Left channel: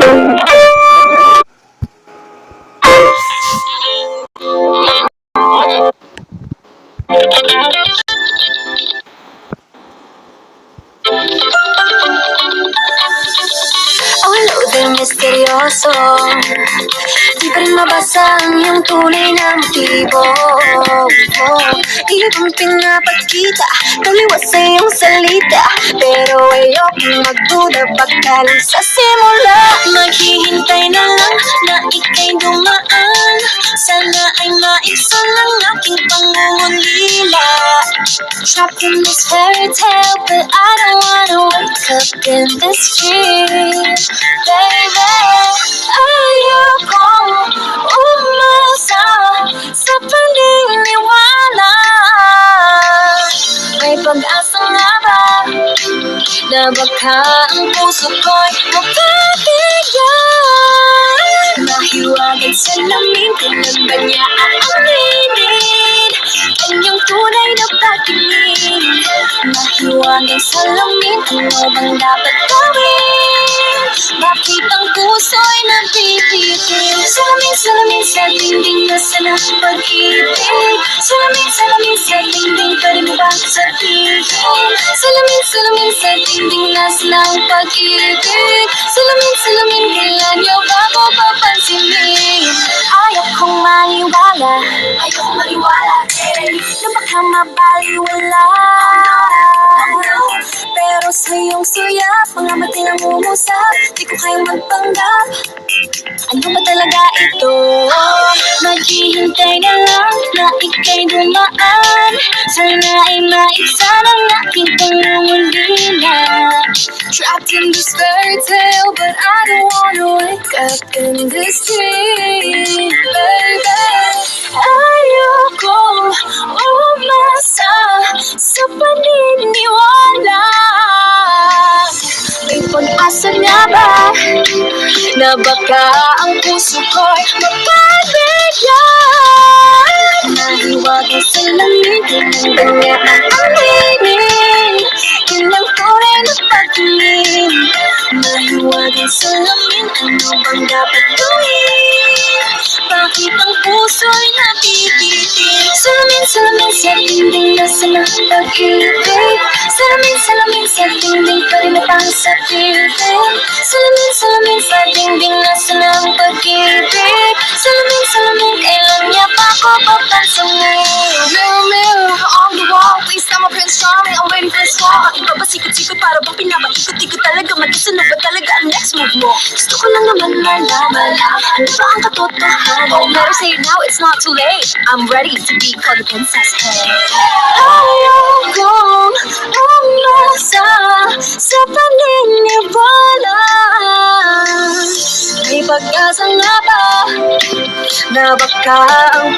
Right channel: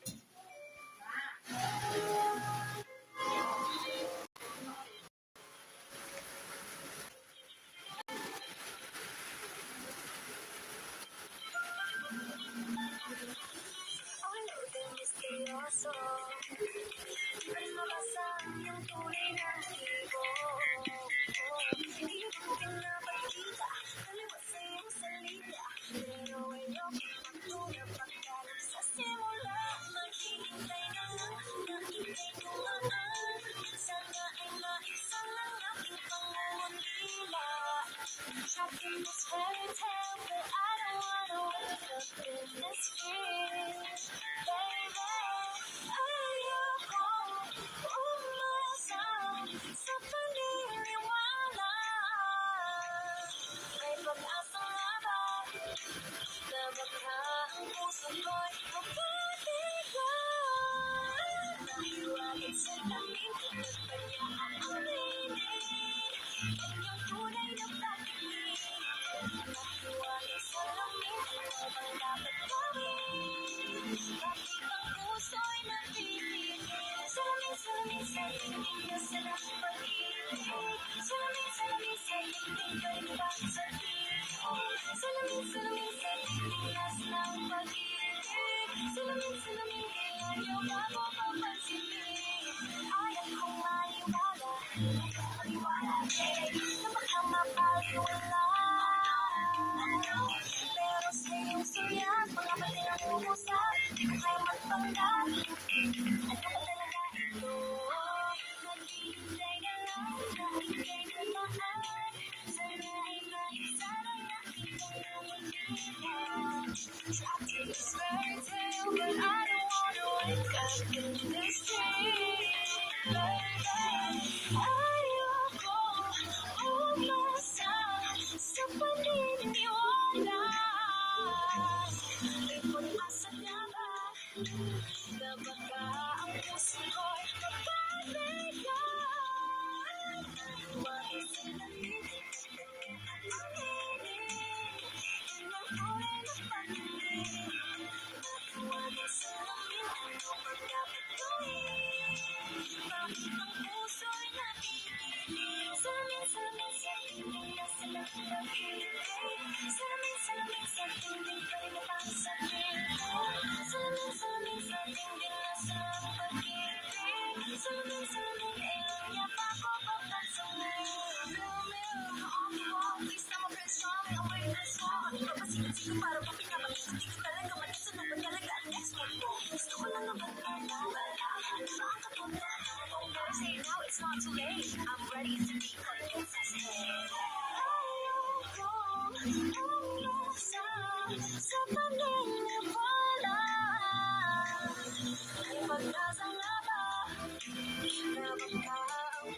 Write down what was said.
Hello there, misteryoso. Di pa rin mabasa ang iyong tunay na motibo. Ibang pinapakita, taliwas sa iyong salita, pero ayokong magduda pagkalang sa simula. Maghihintay na lang na ika'y dumaan, sana ay maibsan ang aking pangungulila. Trapped in this fairy tale, but I don't wanna wake up in this dream. Baby, ayokong umasa sa paniniwala. May pag-asa nga ba na baka ang puso ko'y mapapigyan? Mahiwagan sa lamin, kailan ba niya aaminin kanyang tunay na pagtingin? Mahiwagan sa lamin, ano bang dapat gawin? Bakit ang puso'y nabibitin? Salamin sa dingding, nasaan ang pag-ibig? Salamin sa dingding, pwede mo bang sabihin? Salamin sa dingding, nasaan ang pag-ibig? Salamin, kailan niyo ba ako papansinin? Ayokong maniwala na baka mabaliwala. Pero sa iyong suya, mga mati nang umusap, di ko kayang magpanggap. Ano ba talaga ito? Maghihintay na lang na ika'y dumaan, sana ay maibsan ang aking pangungulila. Trapped in this fairy tale, but I don't wanna wake up in this dream. Baby, ayokong umasa sa paniniwala. May pag-asa nga ba na baka ang puso ko'y mapapigyan? Nahiwagan sa lamin, kailan ba niya aaminin kanyang tunay na pagtingin? Mahiwagan sa lamin, ano bang dapat gawin? Bakit ang puso'y nabibitin? Salamin sa dingding, nasaan ang pag-ibig? Salamin sa dingding, pwede mo bang sabihin? Salamin sa dingding, nasaan ang pag-ibig? Salamin, kailan niya pa ako papansinin? Mirror on the wall, please tell my prince charming, I'm waiting for a score. Bakit ba sikot-sikot para bang pinapaikot-ikot talaga? Mag-isa na ba talaga ang next move mo? Gusto ko lang naman malaman, ano ba ang katotohanan? Oh, better say it now, it's not too late. I'm ready to be called the princess. Hey, ayokong umasa sa paniniwala. May pag-asa nga ba na baka ang